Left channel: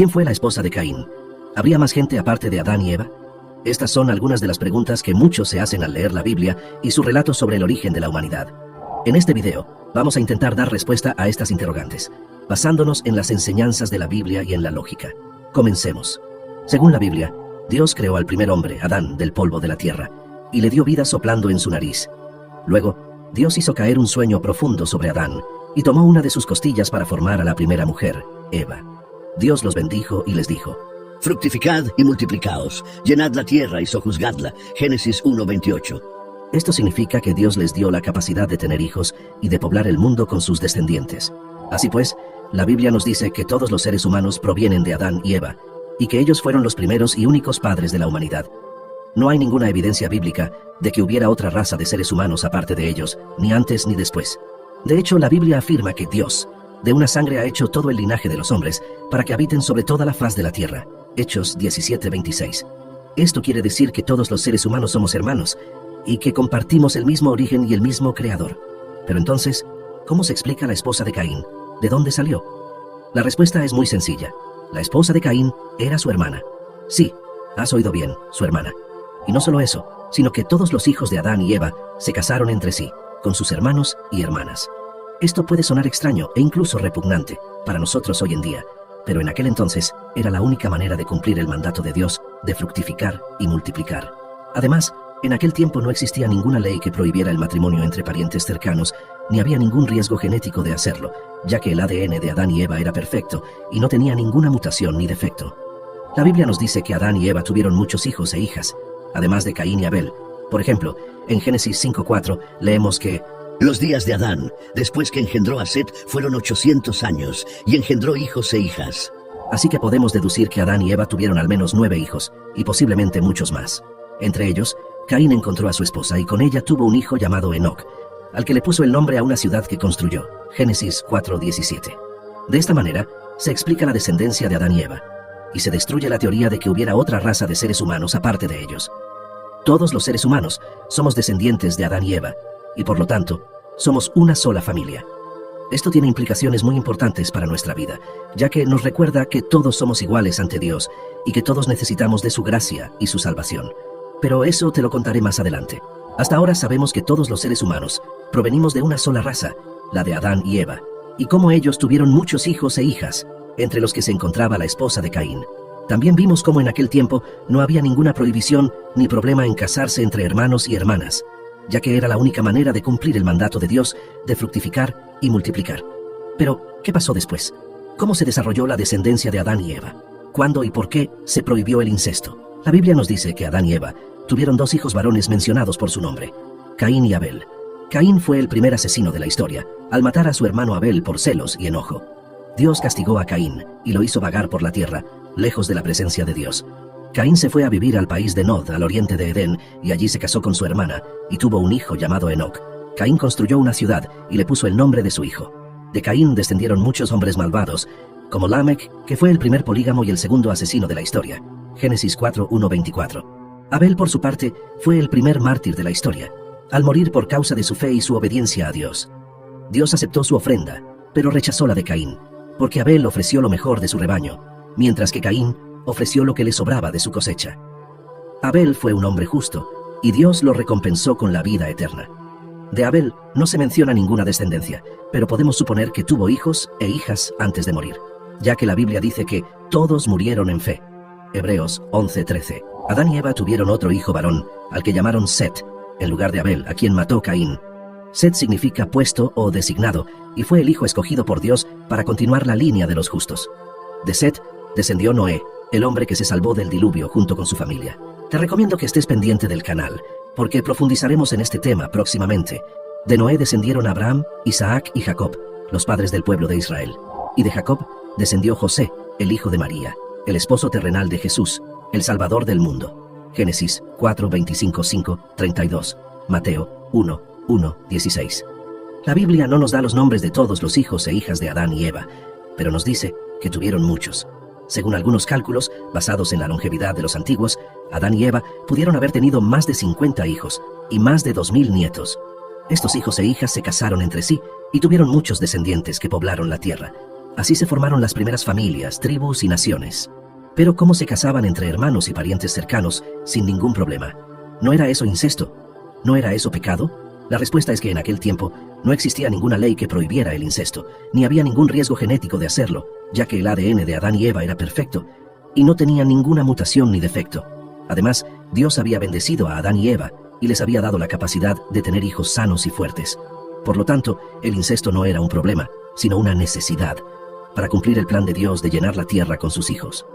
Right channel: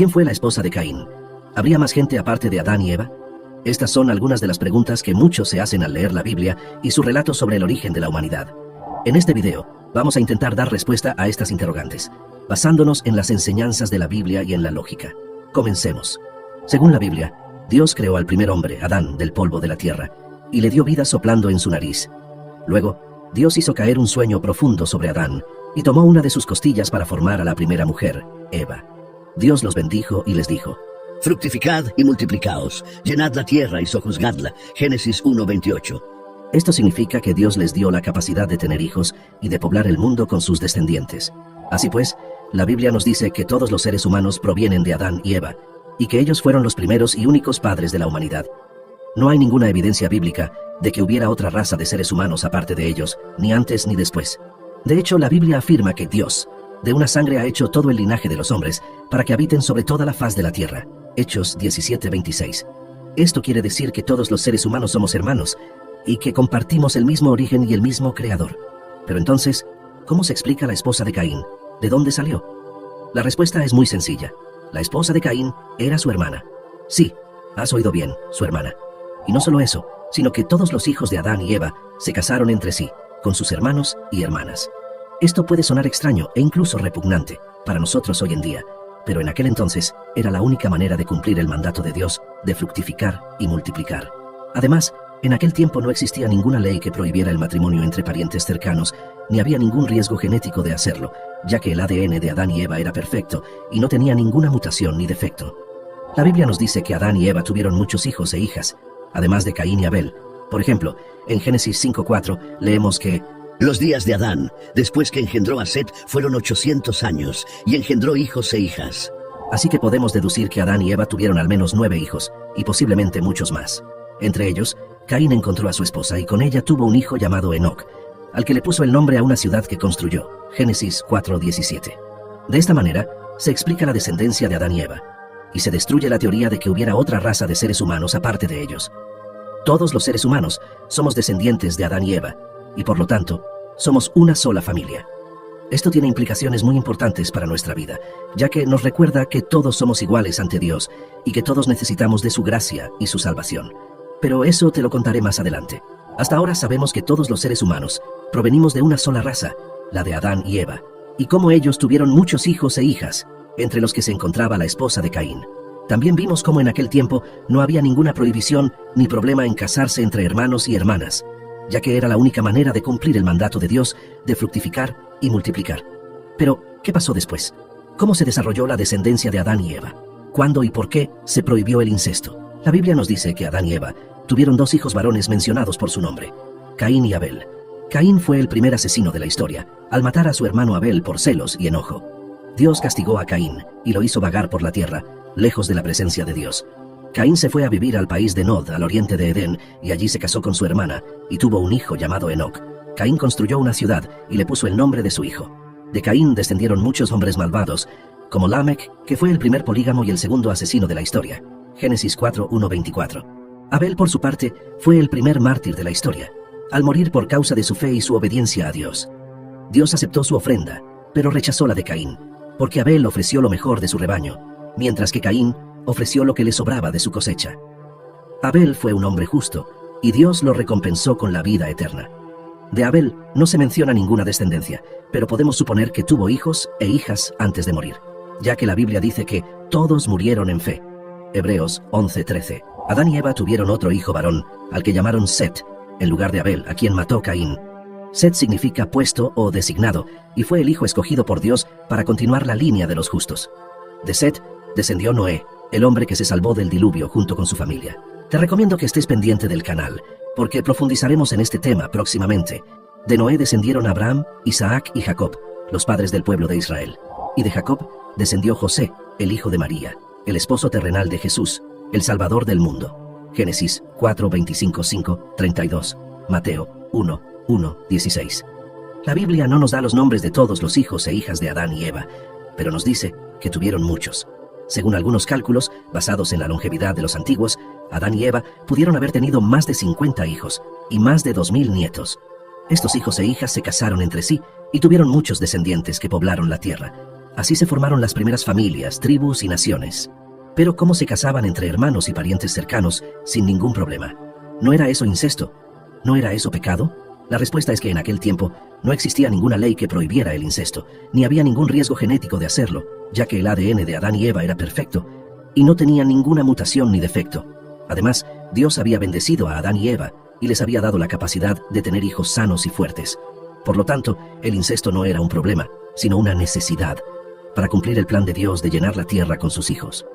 ¿Quién fue la esposa de Caín? ¿Habría más gente aparte de Adán y Eva? Estas son algunas de las preguntas que muchos se hacen al leer la Biblia y su relato sobre el origen de la humanidad. En este video, vamos a intentar dar respuesta a estas interrogantes, basándonos en las enseñanzas de la Biblia y en la lógica. Comencemos. Según la Biblia, Dios creó al primer hombre, Adán, del polvo de la tierra, y le dio vida soplando en su nariz. Luego, Dios hizo caer un sueño profundo sobre Adán, y tomó una de sus costillas para formar a la primera mujer, Eva. Dios los bendijo y les dijo: fructificad y multiplicaos, llenad la tierra y sojuzgadla. Génesis 1:28. Esto significa que Dios les dio la capacidad de tener hijos y de poblar el mundo con sus descendientes. Así pues, la Biblia nos dice que todos los seres humanos provienen de Adán y Eva, y que ellos fueron los primeros y únicos padres de la humanidad. No hay ninguna evidencia bíblica de que hubiera otra raza de seres humanos aparte de ellos, ni antes ni después. De hecho, la Biblia afirma que Dios, de una sangre ha hecho todo el linaje de los hombres, para que habiten sobre toda la faz de la tierra. Hechos 17:26. Esto quiere decir que todos los seres humanos somos hermanos, y que compartimos el mismo origen y el mismo creador. Pero entonces, ¿cómo se explica la esposa de Caín? ¿De dónde salió? La respuesta es muy sencilla. La esposa de Caín era su hermana. Sí, has oído bien, su hermana. Y no solo eso, sino que todos los hijos de Adán y Eva se casaron entre sí, con sus hermanos y hermanas. Esto puede sonar extraño e incluso repugnante para nosotros hoy en día, pero en aquel entonces era la única manera de cumplir el mandato de Dios de fructificar y multiplicar. Además, en aquel tiempo no existía ninguna ley que prohibiera el matrimonio entre parientes cercanos, ni había ningún riesgo genético de hacerlo, ya que el ADN de Adán y Eva era perfecto y no tenía ninguna mutación ni defecto. La Biblia nos dice que Adán y Eva tuvieron muchos hijos e hijas, además de Caín y Abel. Por ejemplo, en Génesis 5:4 leemos que los días de Adán, después que engendró a Set, fueron 800 años, y engendró hijos e hijas. Así que podemos deducir que Adán y Eva tuvieron al menos 9 hijos, y posiblemente muchos más. Entre ellos, Caín encontró a su esposa y con ella tuvo un hijo llamado Enoc, al que le puso el nombre a una ciudad que construyó. Génesis 4:17. De esta manera, se explica la descendencia de Adán y Eva, y se destruye la teoría de que hubiera otra raza de seres humanos aparte de ellos. Todos los seres humanos somos descendientes de Adán y Eva, y por lo tanto, somos una sola familia. Esto tiene implicaciones muy importantes para nuestra vida, ya que nos recuerda que todos somos iguales ante Dios y que todos necesitamos de su gracia y su salvación. Pero eso te lo contaré más adelante. Hasta ahora sabemos que todos los seres humanos provenimos de una sola raza, la de Adán y Eva, y cómo ellos tuvieron muchos hijos e hijas, entre los que se encontraba la esposa de Caín. También vimos cómo en aquel tiempo no había ninguna prohibición ni problema en casarse entre hermanos y hermanas, ya que era la única manera de cumplir el mandato de Dios de fructificar y multiplicar. Pero, ¿qué pasó después? ¿Cómo se desarrolló la descendencia de Adán y Eva? ¿Cuándo y por qué se prohibió el incesto? La Biblia nos dice que Adán y Eva tuvieron 2 hijos varones mencionados por su nombre, Caín y Abel. Caín fue el primer asesino de la historia, al matar a su hermano Abel por celos y enojo. Dios castigó a Caín y lo hizo vagar por la tierra, lejos de la presencia de Dios. Caín se fue a vivir al país de Nod, al oriente de Edén, y allí se casó con su hermana, y tuvo un hijo llamado Enoc. Caín construyó una ciudad y le puso el nombre de su hijo. De Caín descendieron muchos hombres malvados, como Lamec, que fue el primer polígamo y el segundo asesino de la historia. Génesis 4:1-24. Abel, por su parte, fue el primer mártir de la historia, al morir por causa de su fe y su obediencia a Dios. Dios aceptó su ofrenda, pero rechazó la de Caín, porque Abel ofreció lo mejor de su rebaño, mientras que Caín ofreció lo que le sobraba de su cosecha. Abel fue un hombre justo, y Dios lo recompensó con la vida eterna. De Abel no se menciona ninguna descendencia, pero podemos suponer que tuvo hijos e hijas antes de morir, ya que la Biblia dice que todos murieron en fe. Hebreos 11:13. Adán y Eva tuvieron otro hijo varón, al que llamaron Set, en lugar de Abel, a quien mató Caín. Set significa puesto o designado, y fue el hijo escogido por Dios para continuar la línea de los justos. De Set descendió Noé, el hombre que se salvó del diluvio junto con su familia. Te recomiendo que estés pendiente del canal, porque profundizaremos en este tema próximamente. De Noé descendieron Abraham, Isaac y Jacob, los padres del pueblo de Israel. Y de Jacob descendió José, el hijo de María, el esposo terrenal de Jesús, el Salvador del mundo. Génesis 4:25-5-32, Mateo 1:1-16. La Biblia no nos da los nombres de todos los hijos e hijas de Adán y Eva, pero nos dice que tuvieron muchos. Según algunos cálculos, basados en la longevidad de los antiguos, Adán y Eva pudieron haber tenido más de 50 hijos y más de 2000 nietos. Estos hijos e hijas se casaron entre sí y tuvieron muchos descendientes que poblaron la tierra. Así se formaron las primeras familias, tribus y naciones. Pero ¿cómo se casaban entre hermanos y parientes cercanos sin ningún problema? ¿No era eso incesto? ¿No era eso pecado? La respuesta es que en aquel tiempo no existía ninguna ley que prohibiera el incesto, ni había ningún riesgo genético de hacerlo, ya que el ADN de Adán y Eva era perfecto y no tenía ninguna mutación ni defecto. Además, Dios había bendecido a Adán y Eva y les había dado la capacidad de tener hijos sanos y fuertes. Por lo tanto, el incesto no era un problema, sino una necesidad para cumplir el plan de Dios de llenar la tierra con sus hijos.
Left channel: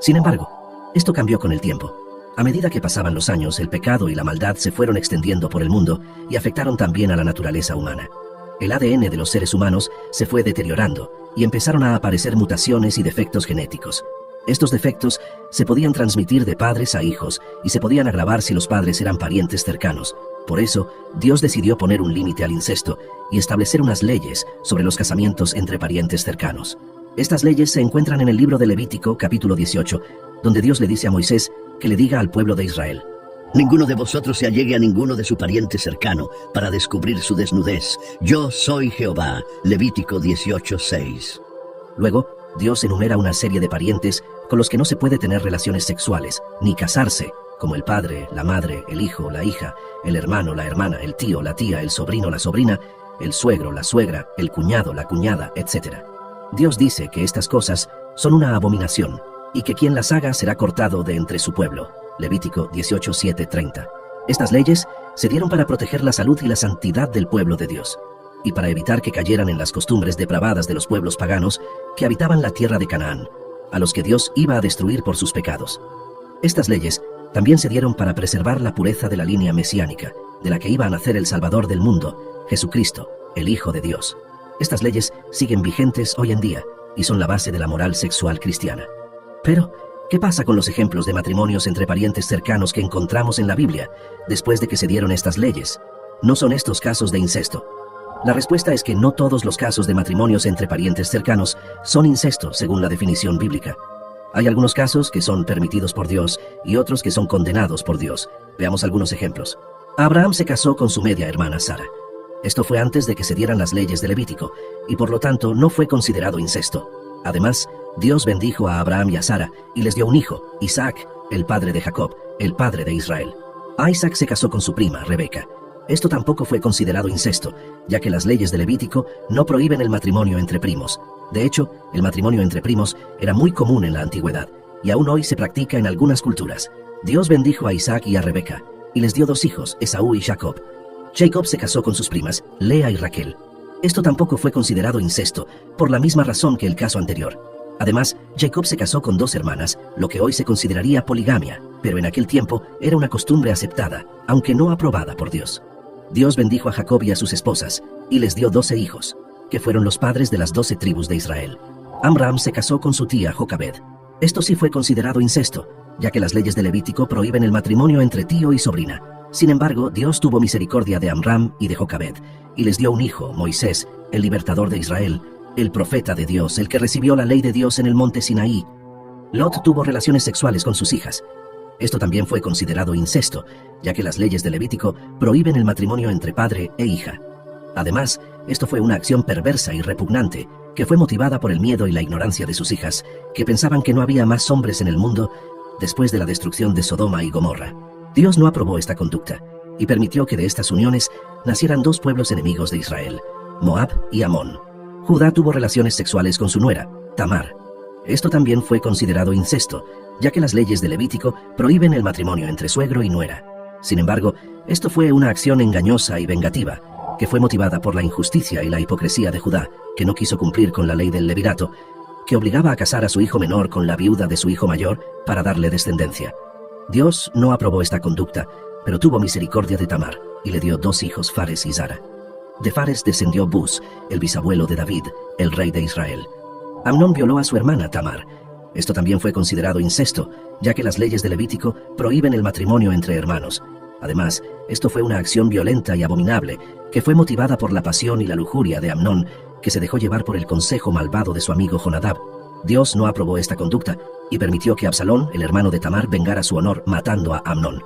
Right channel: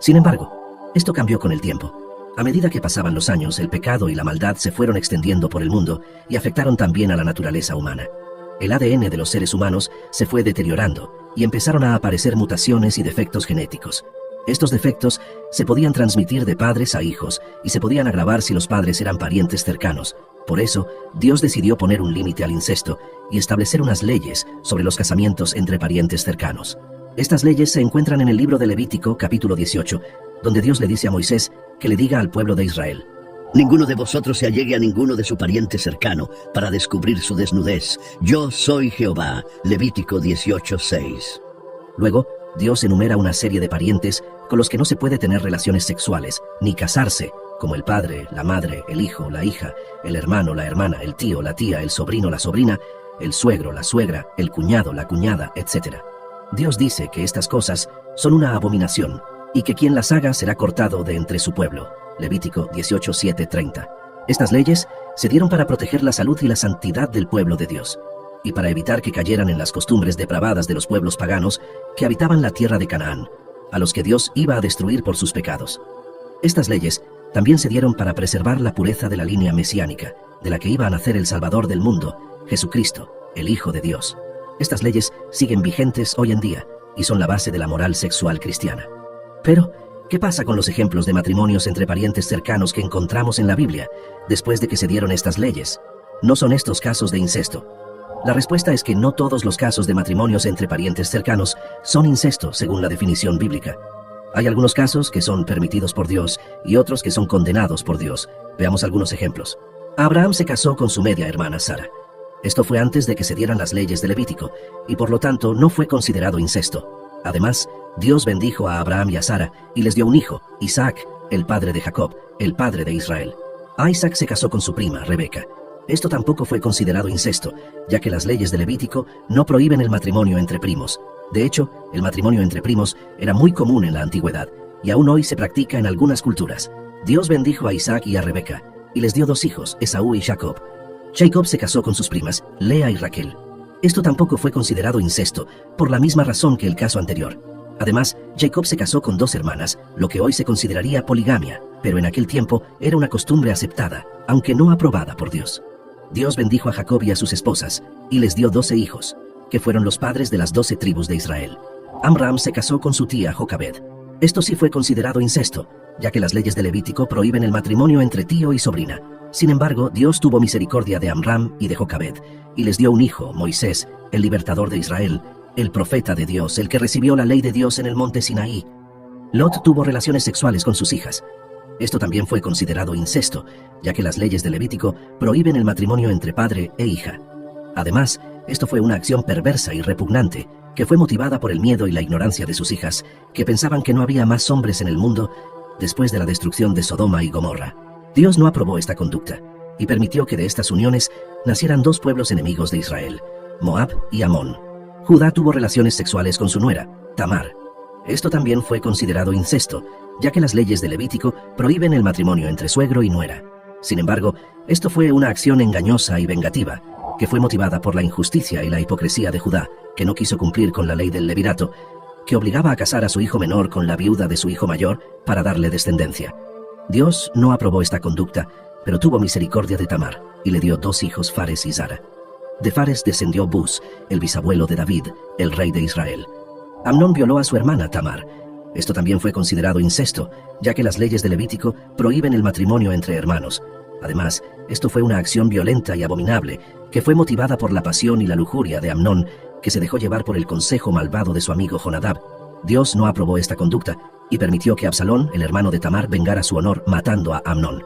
Sin embargo, esto cambió con el tiempo. A medida que pasaban los años, el pecado y la maldad se fueron extendiendo por el mundo y afectaron también a la naturaleza humana. El ADN de los seres humanos se fue deteriorando y empezaron a aparecer mutaciones y defectos genéticos. Estos defectos se podían transmitir de padres a hijos y se podían agravar si los padres eran parientes cercanos. Por eso, Dios decidió poner un límite al incesto y establecer unas leyes sobre los casamientos entre parientes cercanos. Estas leyes se encuentran en el libro de Levítico, capítulo 18, donde Dios le dice a Moisés que le diga al pueblo de Israel: Ninguno de vosotros se allegue a ninguno de su pariente cercano para descubrir su desnudez. Yo soy Jehová. Levítico 18:6. Luego, Dios enumera una serie de parientes con los que no se puede tener relaciones sexuales, ni casarse, como el padre, la madre, el hijo, la hija, el hermano, la hermana, el tío, la tía, el sobrino, la sobrina, el suegro, la suegra, el cuñado, la cuñada, etc. Dios dice que estas cosas son una abominación y que quien las haga será cortado de entre su pueblo. Levítico 18:7-30. Estas leyes se dieron para proteger la salud y la santidad del pueblo de Dios, y para evitar que cayeran en las costumbres depravadas de los pueblos paganos que habitaban la tierra de Canaán, a los que Dios iba a destruir por sus pecados. Estas leyes también se dieron para preservar la pureza de la línea mesiánica, de la que iba a nacer el Salvador del mundo, Jesucristo, el Hijo de Dios. Estas leyes siguen vigentes hoy en día y son la base de la moral sexual cristiana. Pero, ¿qué pasa con los ejemplos de matrimonios entre parientes cercanos que encontramos en la Biblia después de que se dieron estas leyes? ¿No son estos casos de incesto? La respuesta es que no todos los casos de matrimonios entre parientes cercanos son incesto según la definición bíblica. Hay algunos casos que son permitidos por Dios y otros que son condenados por Dios. Veamos algunos ejemplos. Abraham se casó con su media hermana Sara. Esto fue antes de que se dieran las leyes de Levítico y por lo tanto no fue considerado incesto. Además, Dios bendijo a Abraham y a Sara y les dio un hijo, Isaac, el padre de Jacob, el padre de Israel. Isaac se casó con su prima, Rebeca. Esto tampoco fue considerado incesto, ya que las leyes de Levítico no prohíben el matrimonio entre primos. De hecho, el matrimonio entre primos era muy común en la antigüedad, y aún hoy se practica en algunas culturas. Dios bendijo a Isaac y a Rebeca, y les dio dos hijos, Esaú y Jacob. Jacob se casó con sus primas, Lea y Raquel. Esto tampoco fue considerado incesto, por la misma razón que el caso anterior. Además, Jacob se casó con dos hermanas, lo que hoy se consideraría poligamia, pero en aquel tiempo era una costumbre aceptada, aunque no aprobada por Dios. Dios bendijo a Jacob y a sus esposas, y les dio 12 hijos, que fueron los padres de las 12 tribus de Israel. Amram se casó con su tía Jocabed. Esto sí fue considerado incesto, ya que las leyes de Levítico prohíben el matrimonio entre tío y sobrina. Sin embargo, Dios tuvo misericordia de Amram y de Jocabed, y les dio un hijo, Moisés, el libertador de Israel, el profeta de Dios, el que recibió la ley de Dios en el monte Sinaí. Lot tuvo relaciones sexuales con sus hijas. Esto también fue considerado incesto, ya que las leyes de Levítico prohíben el matrimonio entre padre e hija. Además, esto fue una acción perversa y repugnante, que fue motivada por el miedo y la ignorancia de sus hijas, que pensaban que no había más hombres en el mundo después de la destrucción de Sodoma y Gomorra. Dios no aprobó esta conducta, y permitió que de estas uniones nacieran dos pueblos enemigos de Israel, Moab y Amón. Judá tuvo relaciones sexuales con su nuera, Tamar. Esto también fue considerado incesto, ya que las leyes de Levítico prohíben el matrimonio entre suegro y nuera. Sin embargo, esto fue una acción engañosa y vengativa, que fue motivada por la injusticia y la hipocresía de Judá, que no quiso cumplir con la ley del levirato, que obligaba a casar a su hijo menor con la viuda de su hijo mayor para darle descendencia. Dios no aprobó esta conducta, pero tuvo misericordia de Tamar, y le dio dos hijos, Fares y Zara. De Fares descendió Bus, el bisabuelo de David, el rey de Israel. Amnón violó a su hermana Tamar. Esto también fue considerado incesto, ya que las leyes de Levítico prohíben el matrimonio entre hermanos. Además, esto fue una acción violenta y abominable, que fue motivada por la pasión y la lujuria de Amnón, que se dejó llevar por el consejo malvado de su amigo Jonadab. Dios no aprobó esta conducta, y permitió que Absalón, el hermano de Tamar, vengara su honor matando a Amnón.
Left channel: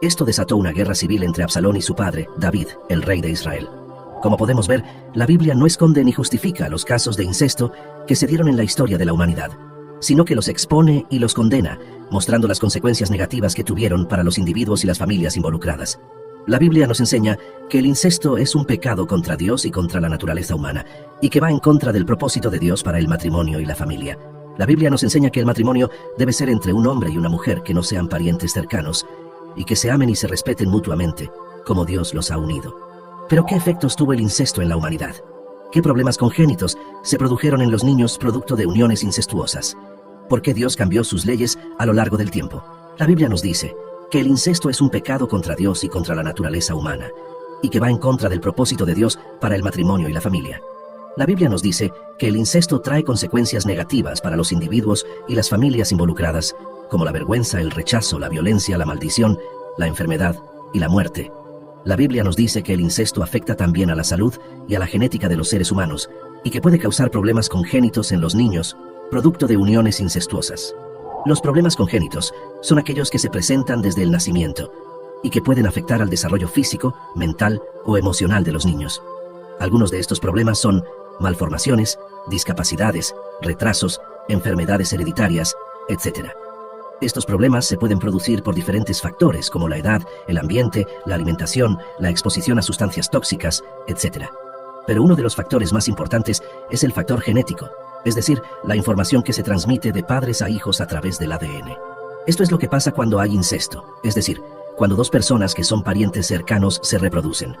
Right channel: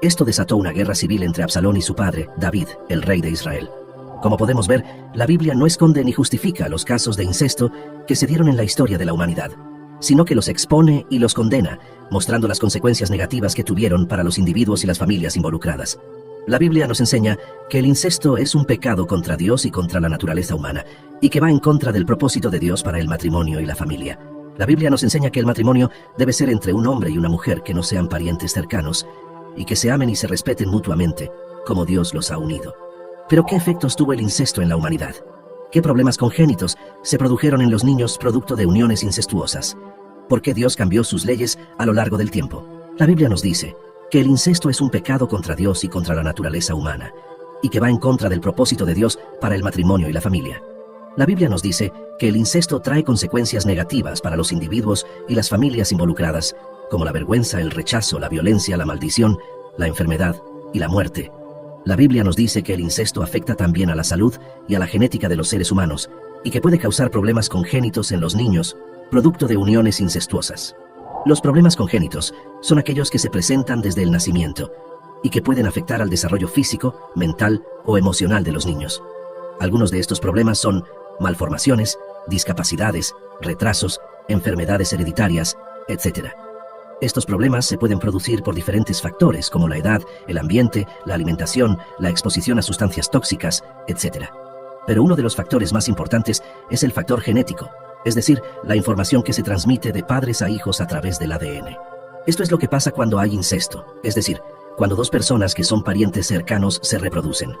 Esto desató una guerra civil entre Absalón y su padre, David, el rey de Israel. Como podemos ver, la Biblia no esconde ni justifica los casos de incesto que se dieron en la historia de la humanidad, sino que los expone y los condena, mostrando las consecuencias negativas que tuvieron para los individuos y las familias involucradas. La Biblia nos enseña que el incesto es un pecado contra Dios y contra la naturaleza humana, y que va en contra del propósito de Dios para el matrimonio y la familia. La Biblia nos enseña que el matrimonio debe ser entre un hombre y una mujer que no sean parientes cercanos, y que se amen y se respeten mutuamente, como Dios los ha unido. Pero ¿qué efectos tuvo el incesto en la humanidad? ¿Qué problemas congénitos se produjeron en los niños producto de uniones incestuosas? ¿Por qué Dios cambió sus leyes a lo largo del tiempo? La Biblia nos dice que el incesto es un pecado contra Dios y contra la naturaleza humana, y que va en contra del propósito de Dios para el matrimonio y la familia. La Biblia nos dice que el incesto trae consecuencias negativas para los individuos y las familias involucradas, como la vergüenza, el rechazo, la violencia, la maldición, la enfermedad y la muerte. La Biblia nos dice que el incesto afecta también a la salud y a la genética de los seres humanos, y que puede causar problemas congénitos en los niños, producto de uniones incestuosas. Los problemas congénitos son aquellos que se presentan desde el nacimiento y que pueden afectar al desarrollo físico, mental o emocional de los niños. Algunos de estos problemas son malformaciones, discapacidades, retrasos, enfermedades hereditarias, etc. Estos problemas se pueden producir por diferentes factores como la edad, el ambiente, la alimentación, la exposición a sustancias tóxicas, etc. Pero uno de los factores más importantes es el factor genético, es decir, la información que se transmite de padres a hijos a través del ADN. Esto es lo que pasa cuando hay incesto, es decir, cuando dos personas que son parientes cercanos se reproducen.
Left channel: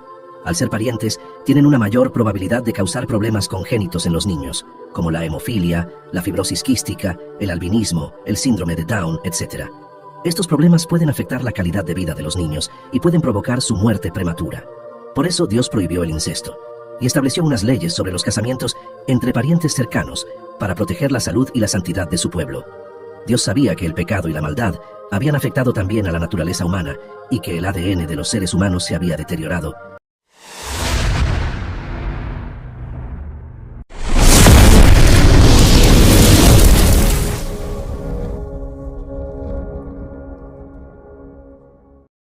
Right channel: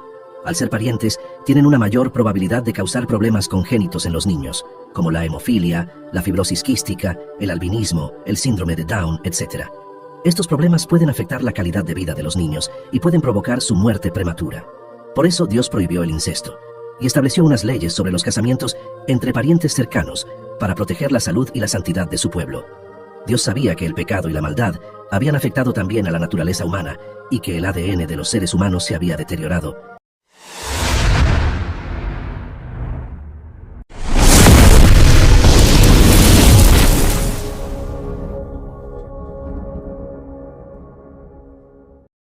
Al ser parientes, tienen una mayor probabilidad de causar problemas congénitos en los niños, como la hemofilia, la fibrosis quística, el albinismo, el síndrome de Down, etc. Estos problemas pueden afectar la calidad de vida de los niños y pueden provocar su muerte prematura. Por eso Dios prohibió el incesto y estableció unas leyes sobre los casamientos entre parientes cercanos para proteger la salud y la santidad de su pueblo. Dios sabía que el pecado y la maldad habían afectado también a la naturaleza humana y que el ADN de los seres humanos se había deteriorado,